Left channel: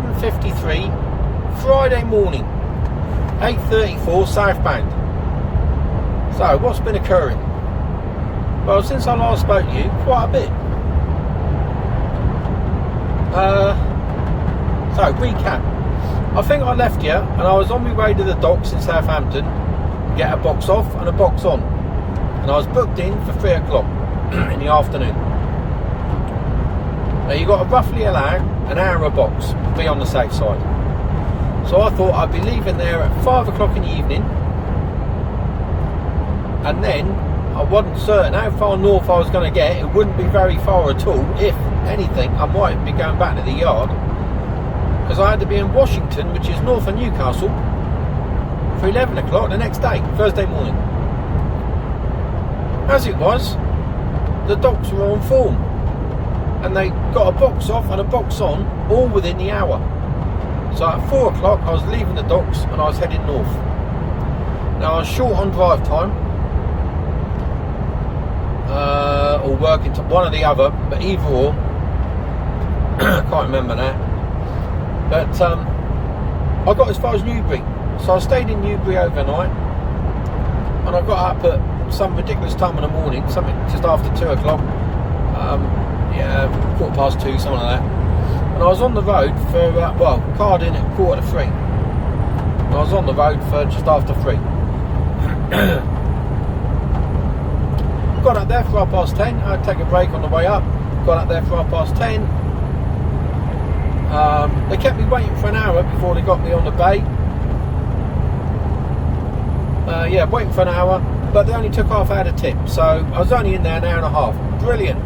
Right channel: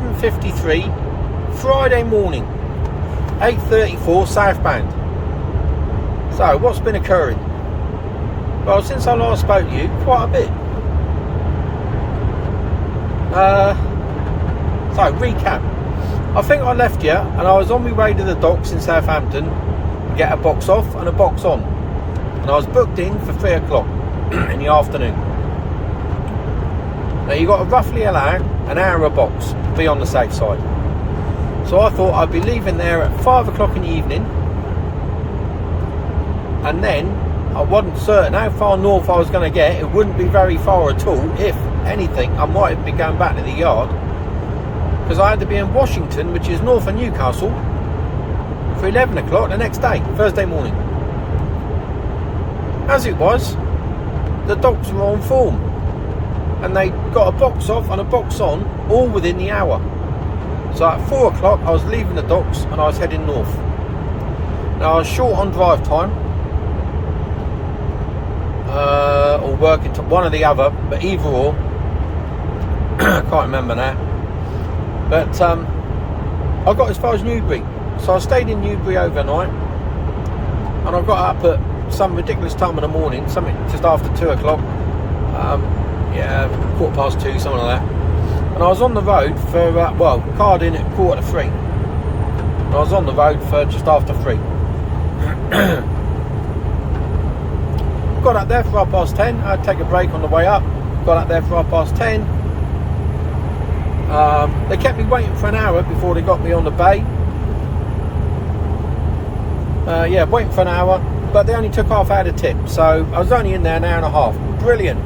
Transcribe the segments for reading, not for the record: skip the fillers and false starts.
7:53 Friday morning, 8:34 southbound. So what's been occurring? Well, since I last spoke to you, quite a bit. So recap. I think I left you and I was on my way to the docks in Southampton to get a box off and a box on, and I was booked in for 3 o'clock in the afternoon. Now you got to roughly allow an hour a box to be on the safe side. So I thought I'd be leaving there at 5 o'clock in the evening, and then I wasn't certain how far north I was going to get. It wouldn't be very far at all. If anything, I might be going back to the yard, because I had to be in Washington, which is north of Newcastle, for 11 o'clock the next day, Thursday morning. As it was, the docks were on form, and they got a box off and a box on all within the hour. So at 4 o'clock I was leaving the docks and I was heading north. Now I was short on drive time, or working to one or the other, but either or. I can't remember that. But I got as far as Newbury, so I stayed in Newbury overnight, and I got up at some ridiculous time in the morning, something just after 2 o'clock, yeah, 2:15, something like that. And I was on the road for, card in at 2:45. And I was on the road for just after 3. Got up there for 10:30. I had to take a break on the way up. Got up there for 10:30. They kept me waiting for an hour before they got me on the bay. Yeah, waiting for an hour, but they only took half hour to tip, so I was only in there an hour and a half. Brilliant.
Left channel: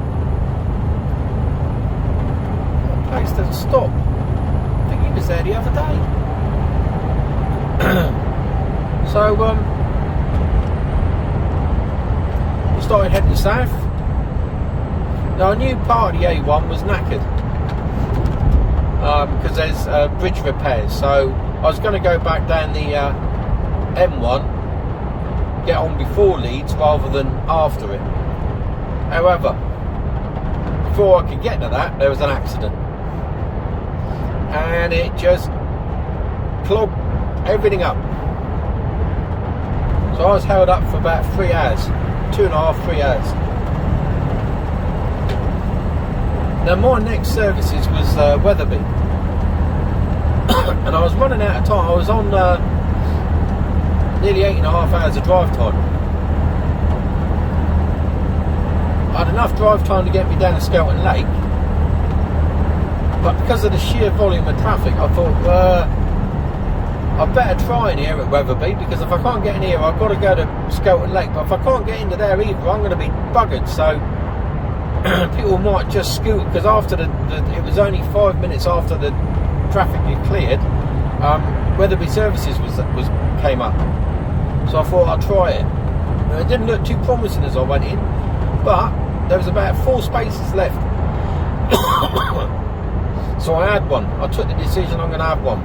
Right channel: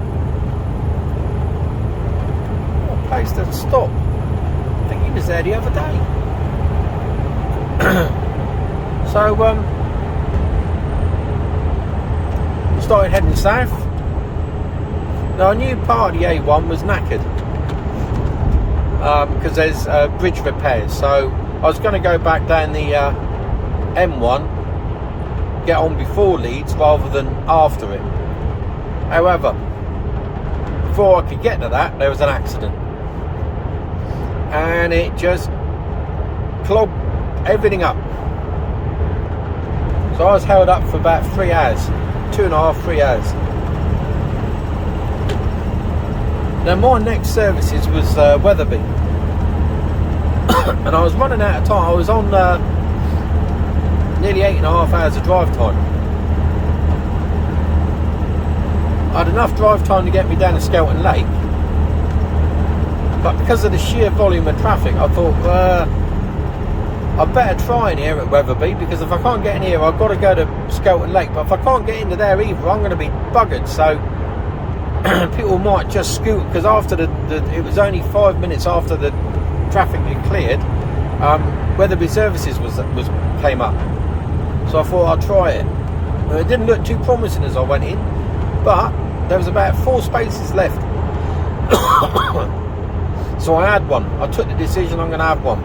What a place to stop. I think he was there the other day. So we started heading south. Now I knew part of the A1 was knackered, because there's bridge repairs, so I was going to go back down the M1, get on before Leeds rather than after it. However, before I could get to that, there was an accident, and it just clogged everything up. So I was held up for about 3 hours, 2.5, 3 hours. Now my next services was Wetherby, and I was running out of time. I was on nearly 8.5 hours of drive time. I had enough drive time to get me down to Skelton Lake, but because of the sheer volume of traffic, I thought I'd better try in here at Wetherby, because if I can't get in here, I've got to go to Skelton Lake. But if I can't get into there either, I'm going to be buggered. So people might just scoot, because after it was only 5 minutes after the traffic had cleared, Wetherby Services came up. So I thought I'd try it. And it didn't look too promising as I went in, but there was about 4 spaces left. So I had one. I took the decision I'm going to have one.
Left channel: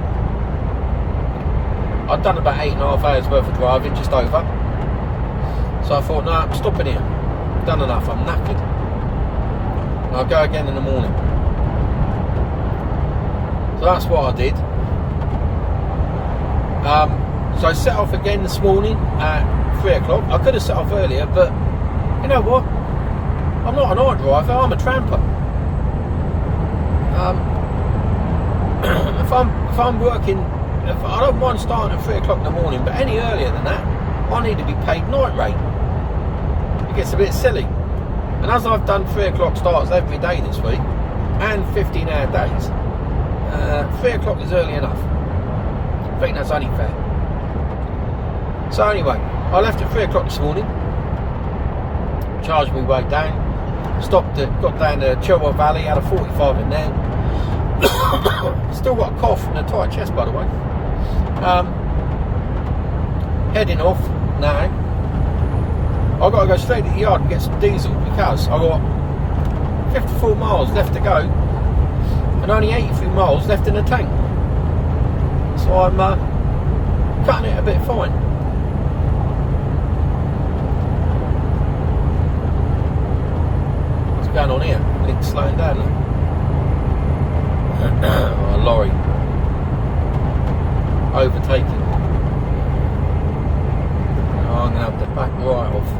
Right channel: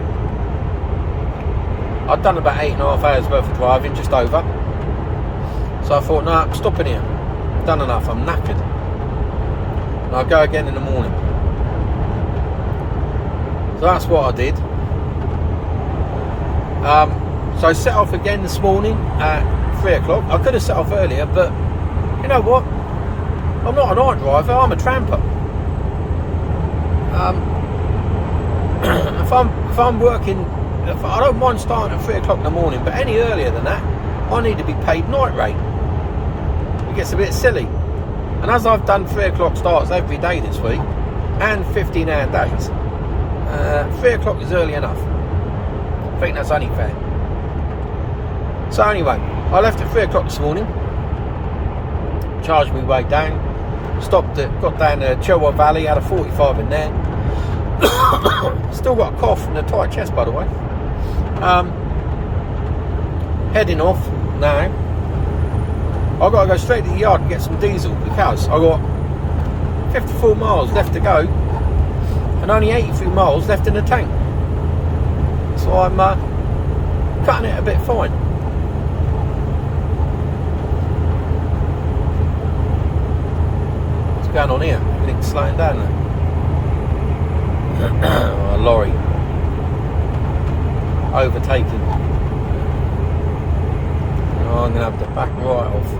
I'd done about 8.5 hours worth of driving, just over. So I thought, no, I'm stopping here. I've done enough, I'm knackered. And I'll go again in the morning. So that's what I did. So I set off again this morning at 3 o'clock. I could have set off earlier, but you know what? I'm not a night driver, I'm a tramper. If I'm working, I don't mind starting at 3 o'clock in the morning, but any earlier than that, I need to be paid night rate. It gets a bit silly. And as I've done 3 o'clock starts every day this week, and 15-hour days, 3 o'clock is early enough. I think that's only fair. So anyway, I left at 3 o'clock this morning, charged me way down, got down to Chilwell Valley, had a 45 in there. Still got a cough and a tight chest, by the way. Heading off now. I've got to go straight to the yard and get some diesel, because I've got 54 miles left to go and only 83 miles left in the tank. So I'm cutting it a bit fine. What's going on here? Link's slowing down now. Oh, a lorry. overtaking. Oh, I'm going to have to back right off.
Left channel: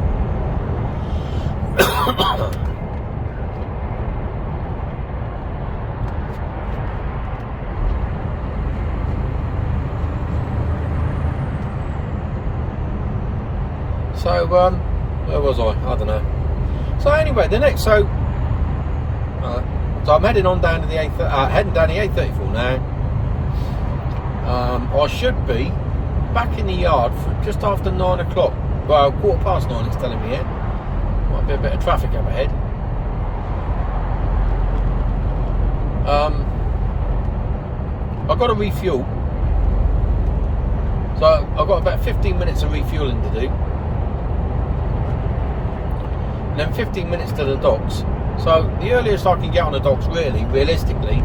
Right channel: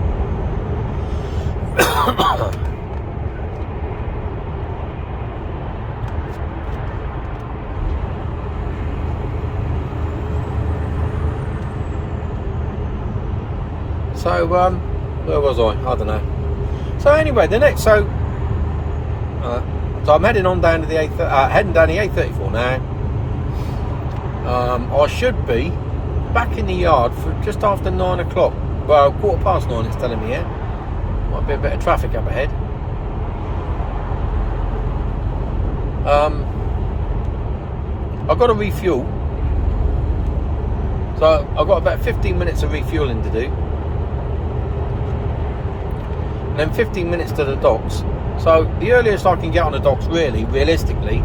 So, where was I? I don't know. So anyway, so I'm heading on down to the heading down the A34 now. I should be back in the yard for just after 9 o'clock. Well, 9:15 it's telling me here. Might be a bit of traffic up ahead. I've got to refuel. So I've got about 15 minutes of refueling to do. And then 15 minutes to the docks. So the earliest I can get on the docks, realistically,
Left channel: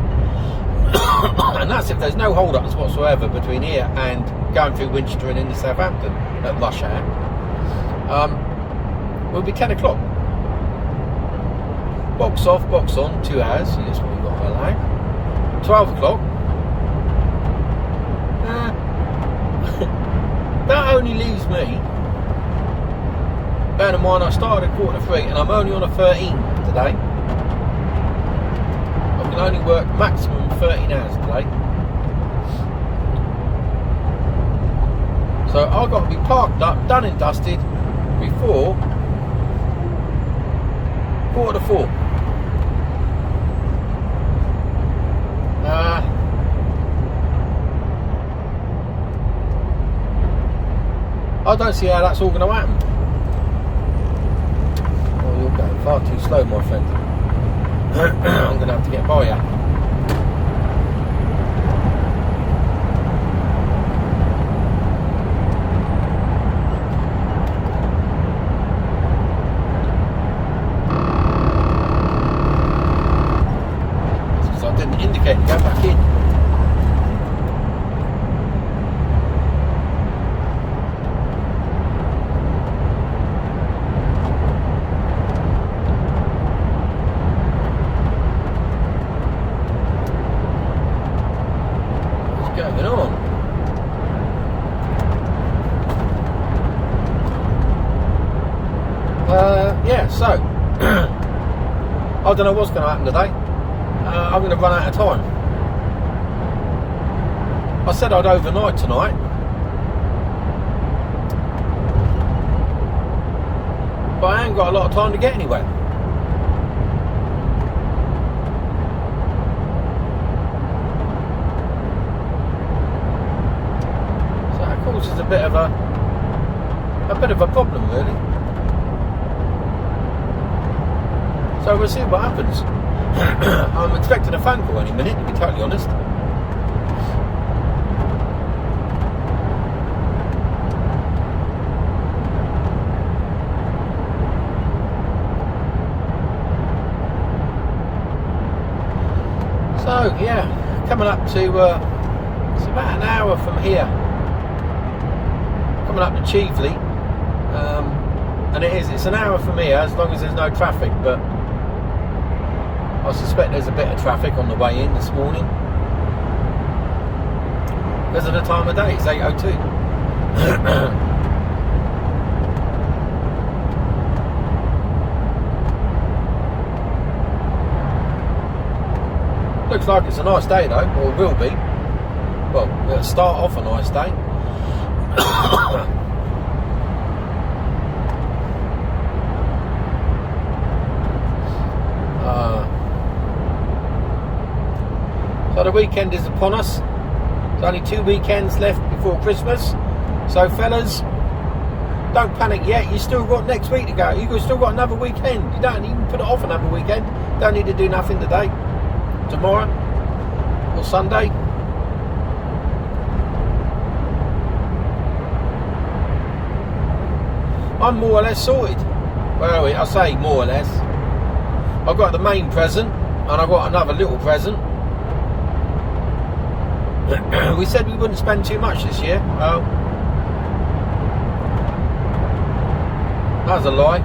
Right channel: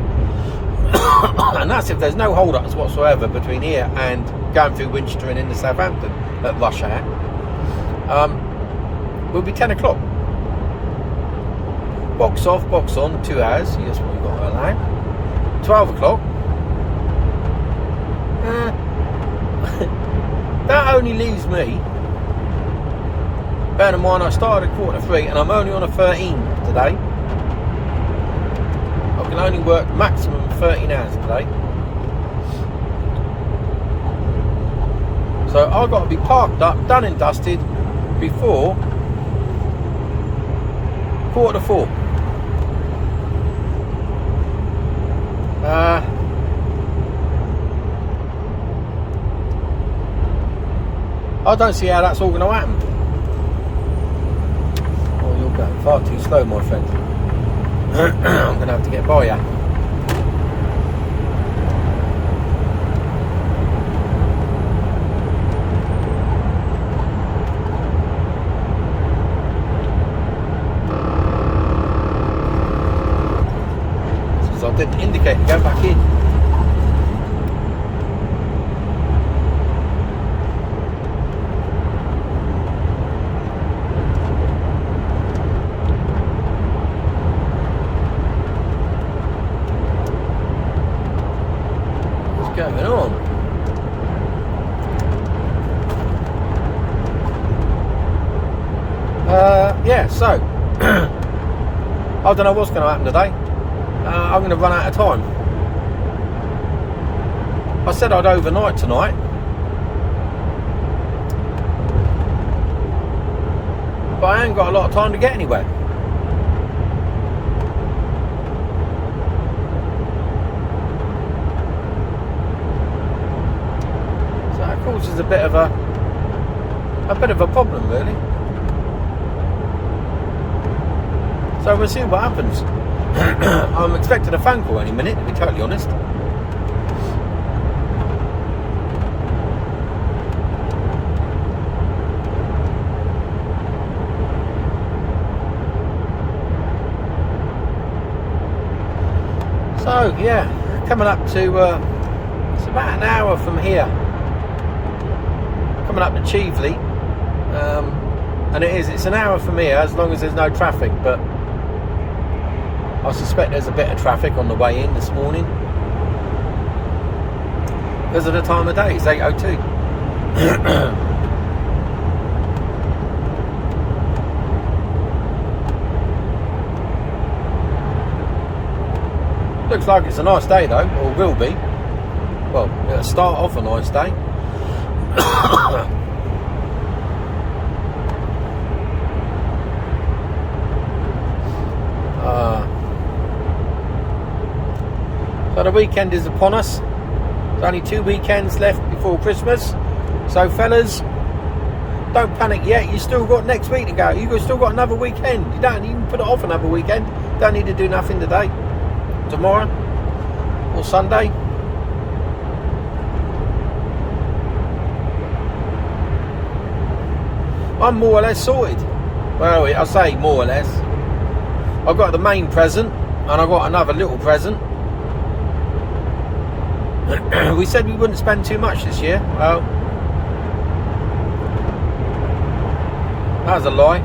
and that's if there's no hold-ups whatsoever between here and going through Winchester and into Southampton at rush hour, will be 10 o'clock. Box off, box on, 2 hours. That's what we've got to allow. 12 o'clock. That only leaves me. Bear in mind, I started at 2:45 and I'm only on a 13 today. I can only work maximum 13 hours today. So I've got to be parked up, done and dusted before 4:45. I don't see how that's all going to happen. Oh, you're going far too slow, my friend. I'm going to have to get by you. So I didn't indicate to go back in. Going on. Yeah, so I don't know what's going to happen today. I'm going to run out of time. I said I'd overnight tonight. But I ain't got a lot of time to get anywhere. Causes a bit of a problem, really. So we'll see what happens. I'm expecting a phone call any minute, to be totally honest. So yeah, coming up to it's about an hour from here. Coming up to Cheveley, and it's an hour from here as long as there's no traffic, but I suspect there's a bit of traffic on the way in this morning because of the time of day. It's 8:02. Looks like it's a nice day though, or will be. Well, it'll start off a nice day. So the weekend is upon us. There's only 2 weekends left before Christmas. So fellas, don't panic yet. You still got next week to go. You've still got another weekend. You don't even put it off another weekend. Don't need to do nothing today, tomorrow, or Sunday. I'm more or less sorted. Well, I say more or less. I've got the main present and I've got another little present. We said we wouldn't spend too much this year. Well, that's a lie.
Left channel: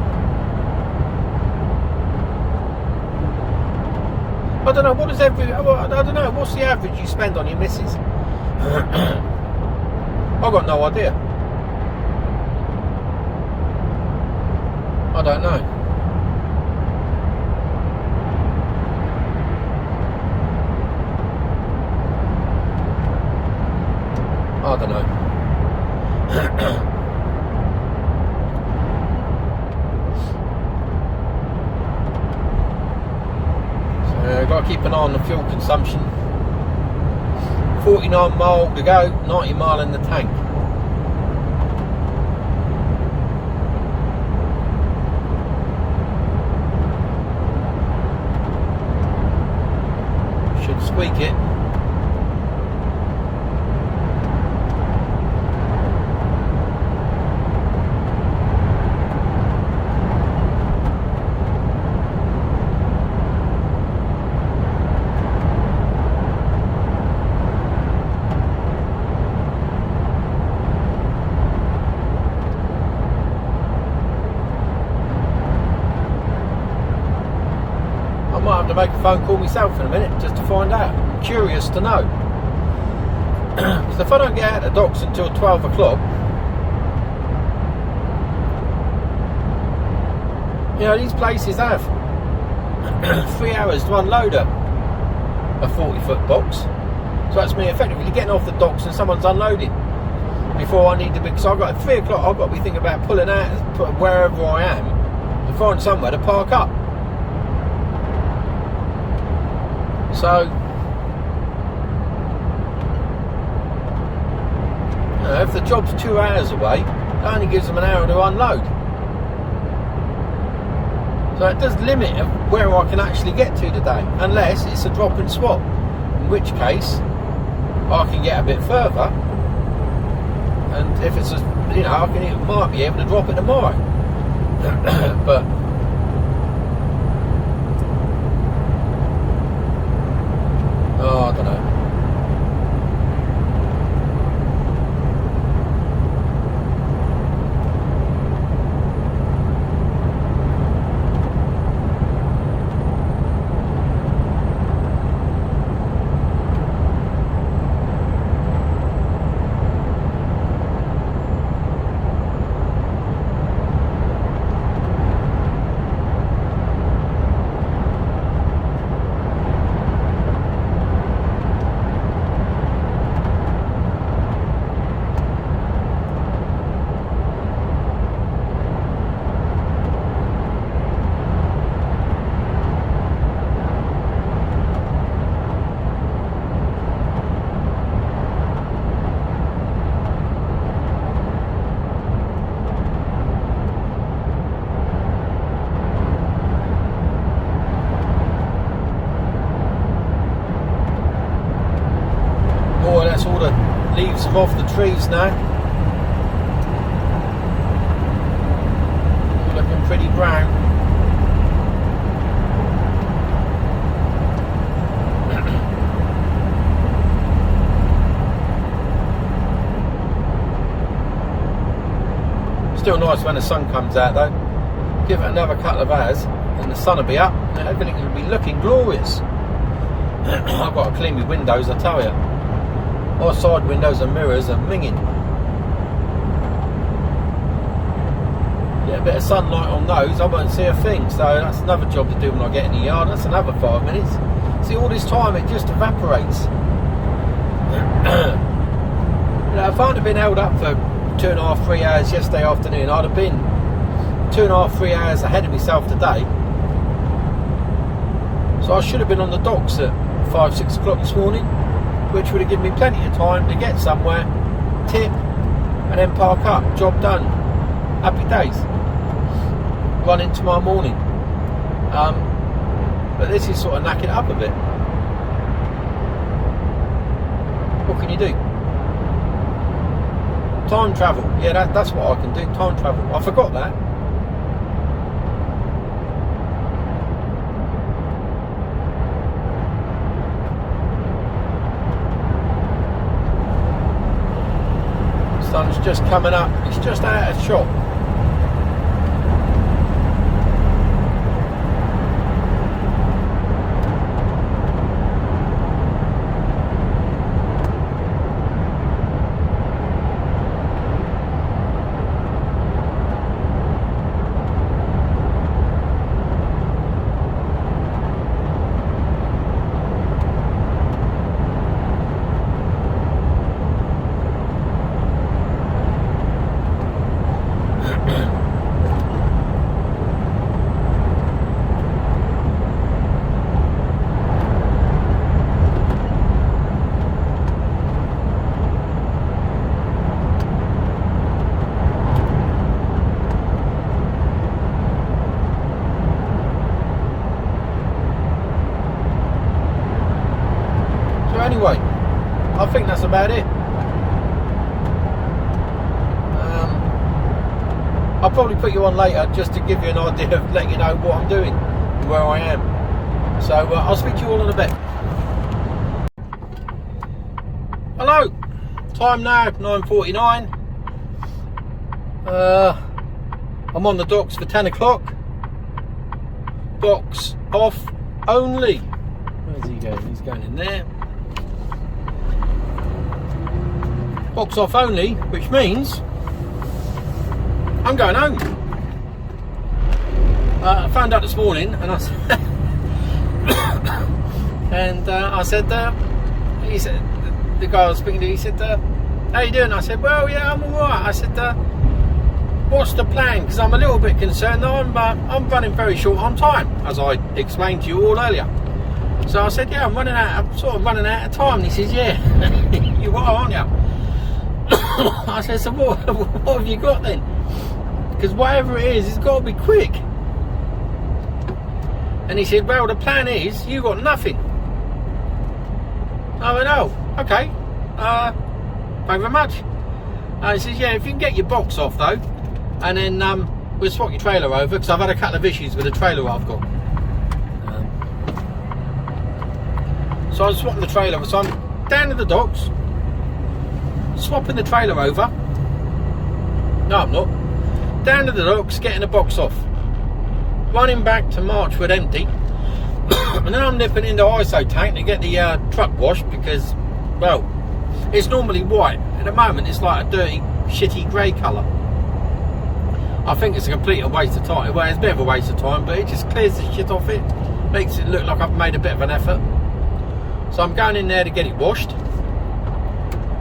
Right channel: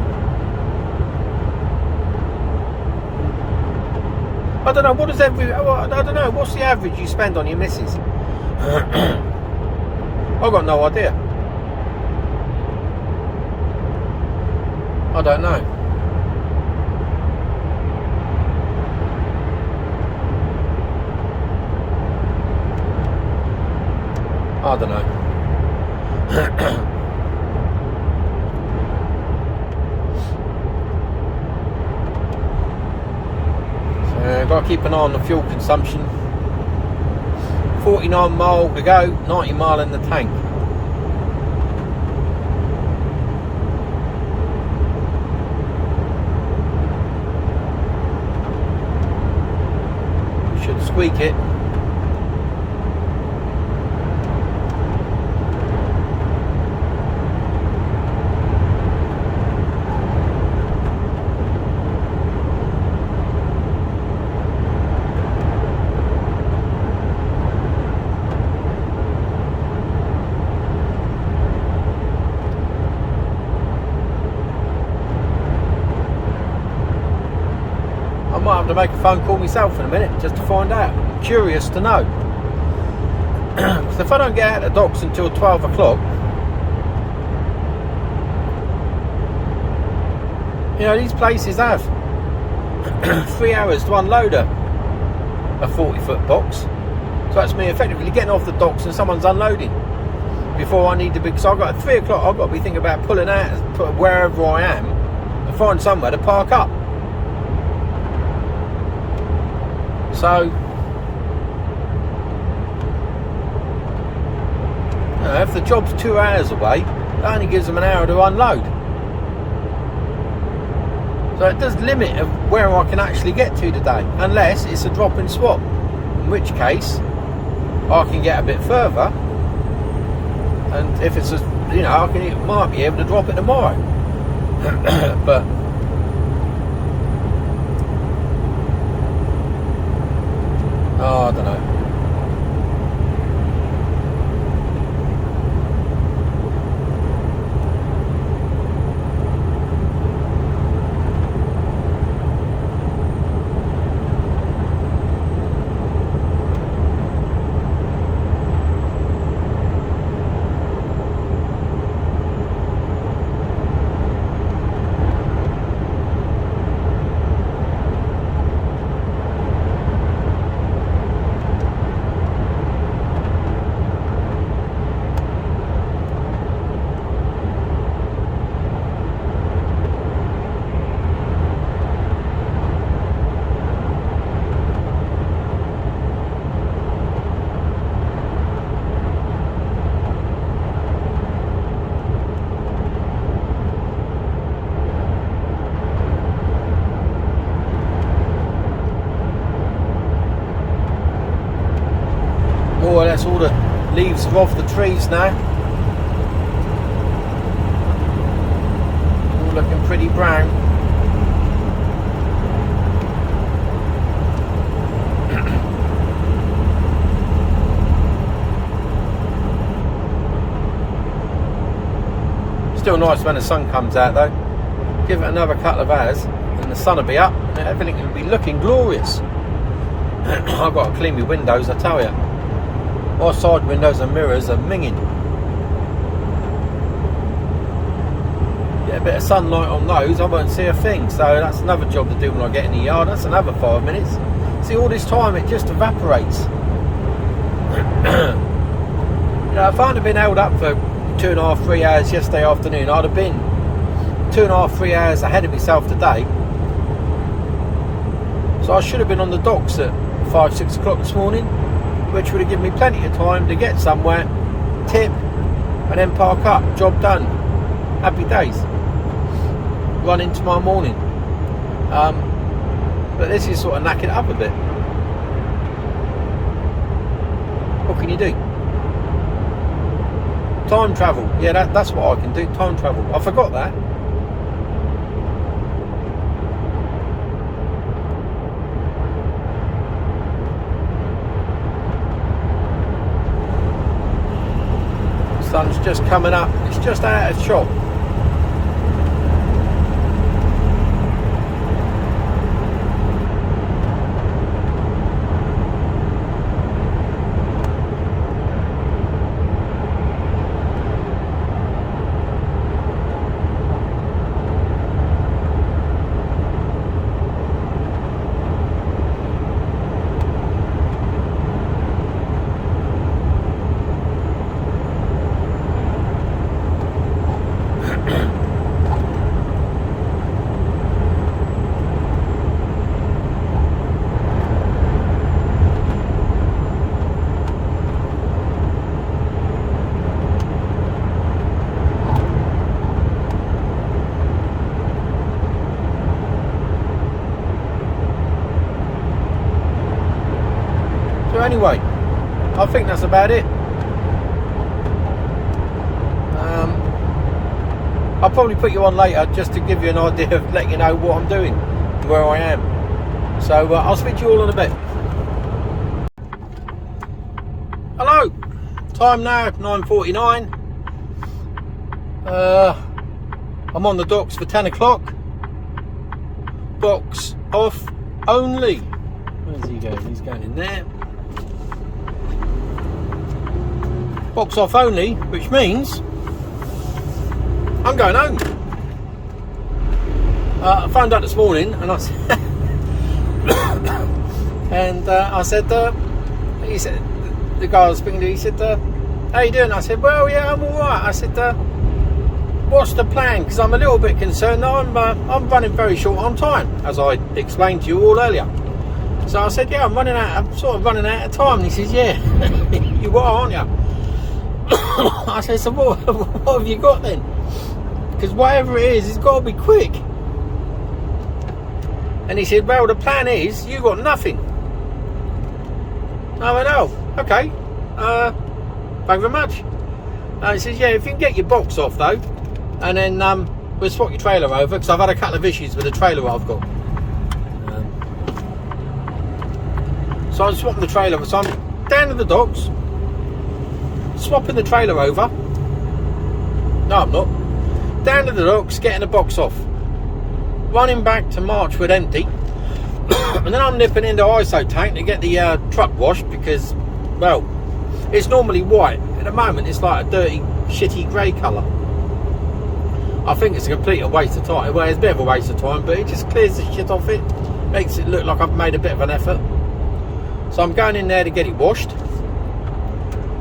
I don't know, I don't know, what's the average you spend on your missus? I've got no idea. I don't know. I don't know. So I've got to keep an eye on the fuel consumption. 49 mile to go, 90 mile in the tank. Should squeak it. I might have to make a phone call myself in a minute just to find out. Curious to know. So if I don't get out of the docks until 12 o'clock, you know, these places have 3 hours to unload a 40-foot box. So that's me effectively getting off the docks and someone's unloading before I need to be. So I've got at 3 o'clock, I've got to be thinking about pulling out wherever I am to find somewhere to park up. So, you know, if the job's 2 hours away, it only gives them an hour to unload. So it does limit of where I can actually get to today, unless it's a drop and swap, in which case I can get a bit further, and if it's might be able to drop it tomorrow. But I don't know. Oh, that's all the leaves are off the trees now. All looking pretty brown. Still nice when the sun comes out though. Give it another couple of hours and the sun will be up and everything will be looking glorious. I've got to clean my windows, I tell you. All side windows and mirrors are minging. Get a bit of sunlight on those, I won't see a thing. So that's another job to do when I get in the yard. That's another 5 minutes. See, all this time it just evaporates. You know, if I'd have been held up for 2.5, 3 hours yesterday afternoon, I'd have been 2.5, 3 hours ahead of myself today. So I should have been on the docks at 5, 6 o'clock this morning, which would have given me plenty of time to get somewhere, tip, and then park up. Job done. Happy days. Run in tomorrow morning. But this is sort of knacking it up a bit. What can you do? Time travel. Yeah, that's what I can do. Time travel. I forgot that. Sun's just coming up. It's just out of shot. So anyway, I think that's about it. I'll probably put you on later just to give you an idea of letting you know what I'm doing, where I am. So I'll speak to you all in a bit. Hello, time now 9:49. I'm on the docks for 10 o'clock. Box off only. Where's he going? He's going in there. Box off only, which means I'm going home. I found out this morning, and I said, I said, he said, the guy I was speaking to, he said, how you doing? I said, well, yeah, I'm all right. I said, what's the plan? Because I'm a little bit concerned. I'm running very short on time, as I explained to you all earlier. So I said, yeah, I'm sort of running out of time. And he says, yeah, you are, aren't you? I said, so what have you got then? Because whatever it is, it's got to be quick. And he said, well, the plan is you got nothing. I went, oh, okay. Thank you very much. He says, yeah, if you can get your box off though, and then we'll swap your trailer over, because I've had a couple of issues with the trailer I've got. So I'm swapping the trailer. So I'm down at the docks, swapping the trailer over. No, I'm not. Down to the docks, getting the box off, running back to Marchwood empty, and then I'm nipping into ISO tank to get the truck washed, because, well, it's normally white. At the moment it's like a dirty, shitty grey colour. I think it's a complete waste of time. Well, it's a bit of a waste of time, but it just clears the shit off it, makes it look like I've made a bit of an effort. So I'm going in there to get it washed,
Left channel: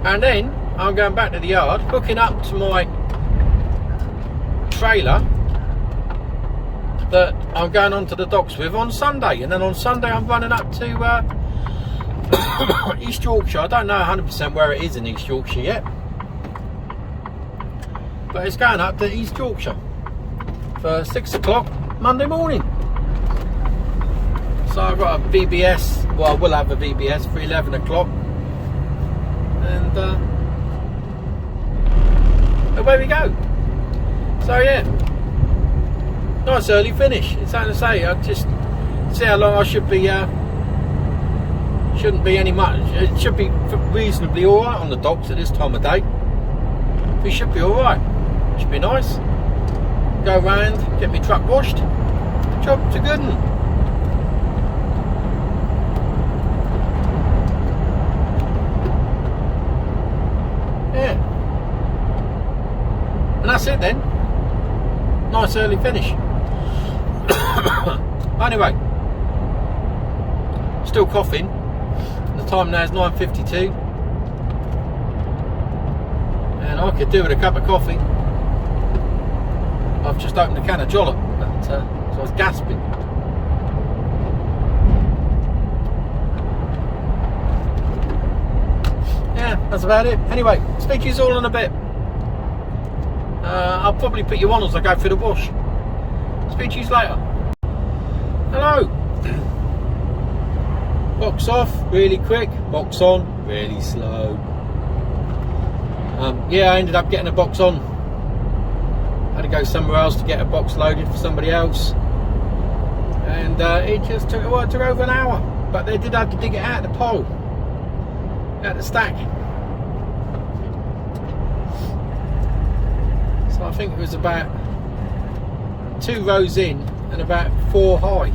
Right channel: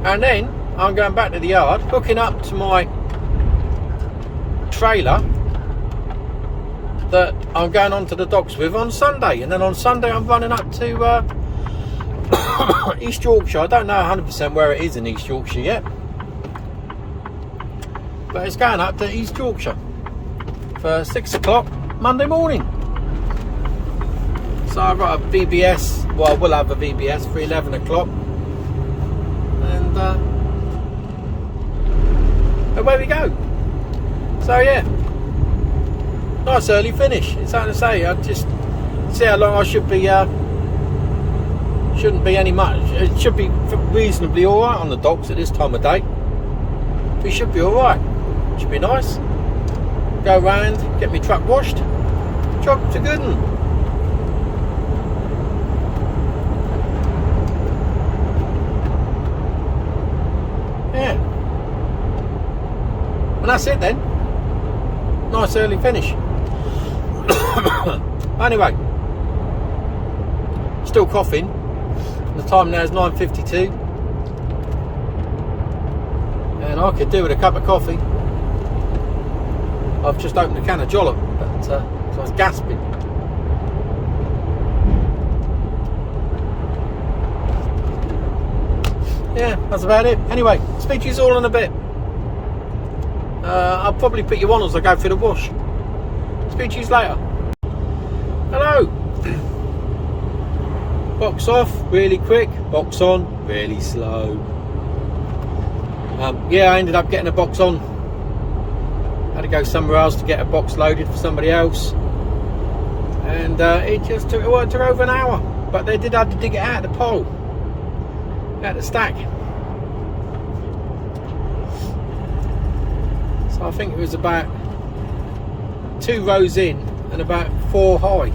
and then I'm going back to the yard, hooking up to my trailer that I'm going onto the docks with on Sunday. And then on Sunday I'm running up to East Yorkshire. I don't know 100% where it is in East Yorkshire yet, but it's going up to East Yorkshire for 6 o'clock Monday morning. So I've got a VBS, well, I will have a VBS for 11 o'clock, and away we go. So yeah, nice early finish. It's hard to say. I just see how long I should be. Shouldn't be any much. It should be reasonably all right on the docks at this time of day. We should be all right. Should be nice. Go round, get my truck washed. Job to good 'un. Yeah. And that's it then. Nice early finish. Anyway, still coughing. The time now is 9:52, and I could do with a cup of coffee. I've just opened a can of Jollop, but so I was gasping. Yeah, that's about it. Anyway, speak to you all in a bit. I'll probably put you on as I go through the wash. Speak to you later. Hello. Box off really quick, box on really slow. Yeah, I ended up getting a box on. Had to go somewhere else to get a box loaded for somebody else, and it just took over an hour. But they did have to dig it out of the pole, out of the stack. So I think it was about 2 rows in and about 4 high.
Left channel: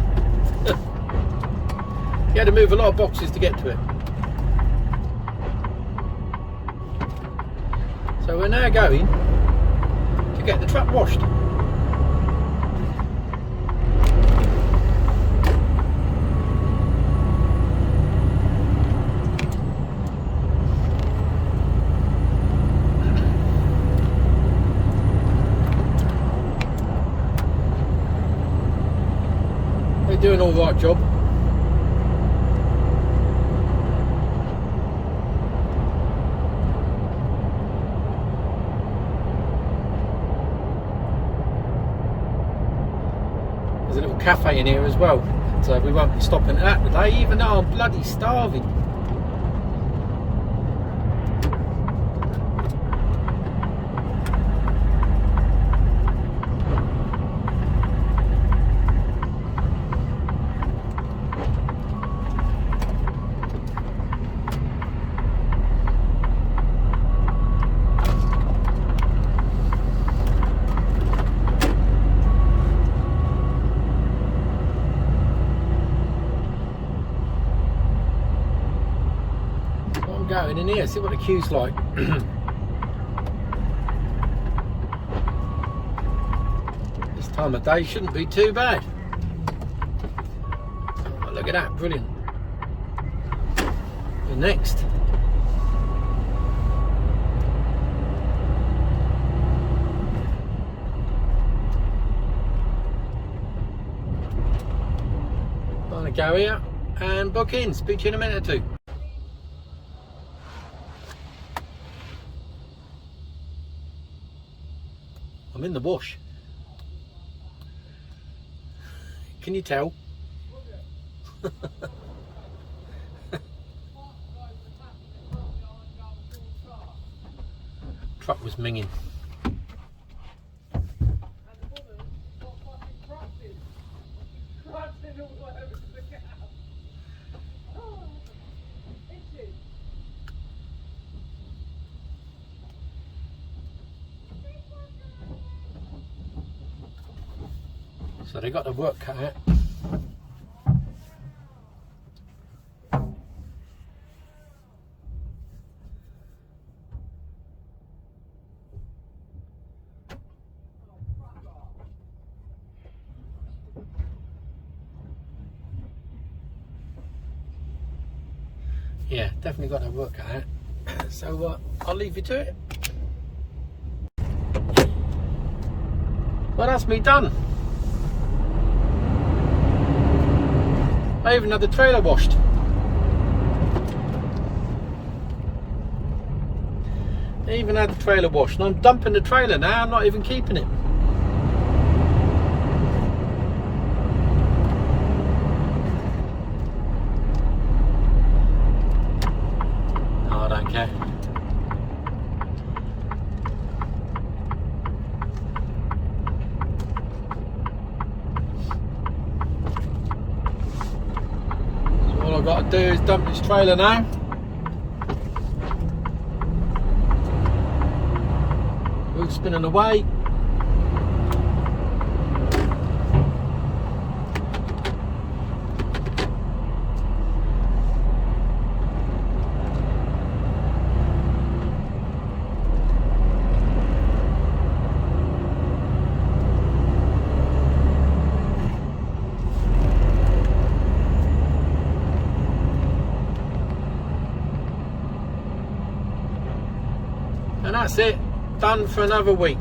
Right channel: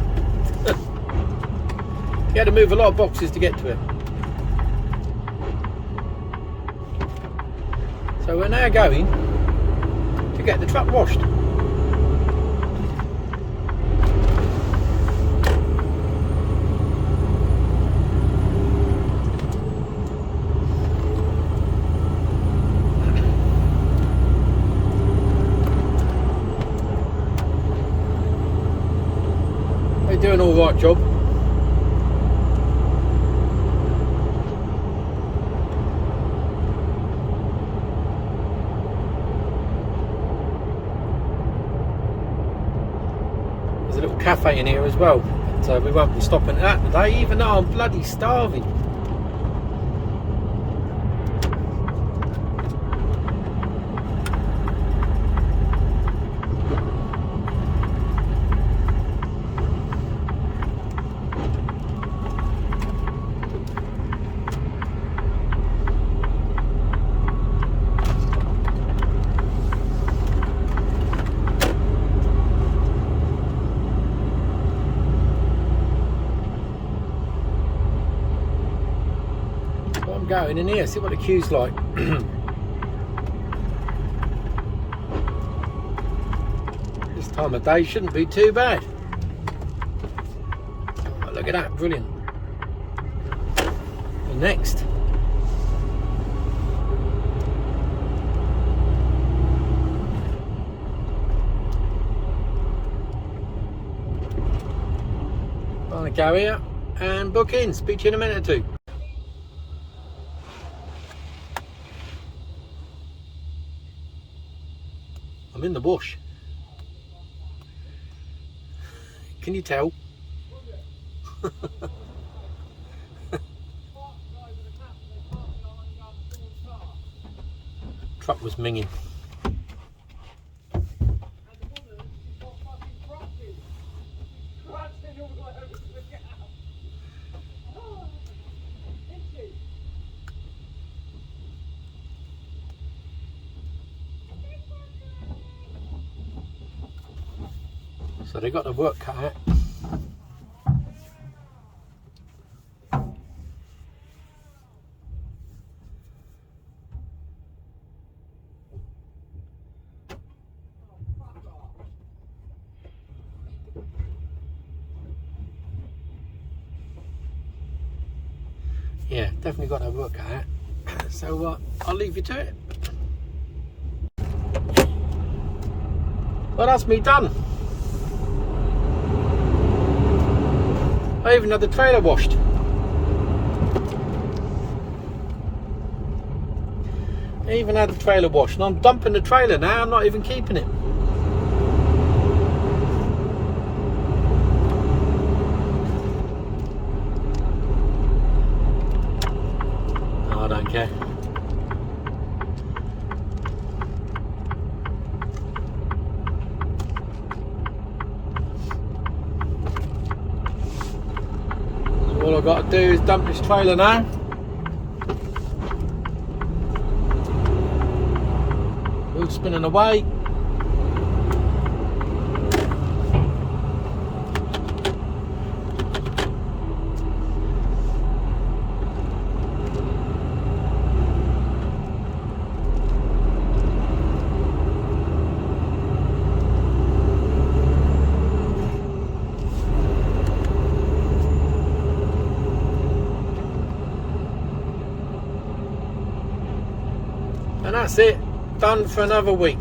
You had to move a lot of boxes to get to it. So we're now going to get the truck washed. doing all right job. There's a little cafe in here as well, so we won't be stopping at that today, even though I'm bloody starving. Going in here, see what the queue's like. This time of day shouldn't be too bad. Oh, look at that, brilliant. And next. I'm gonna go here and book in. Speak to you in a minute or two. I'm in the bush. Can you tell? Truck was minging. So they got the work cut out. Yeah, definitely got their work cut out. So I'll leave you to it. Well, that's me done. I even had the trailer washed. I even had the trailer washed, and I'm dumping the trailer now. I'm not even keeping it. Oh, I don't care. All I've got to do is dump this trailer now. Wheels spinning away. And that's it, done for another week.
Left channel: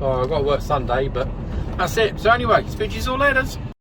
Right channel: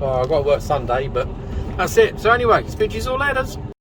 Oh, I've got to work Sunday, but that's it. So anyway, speak to you all later.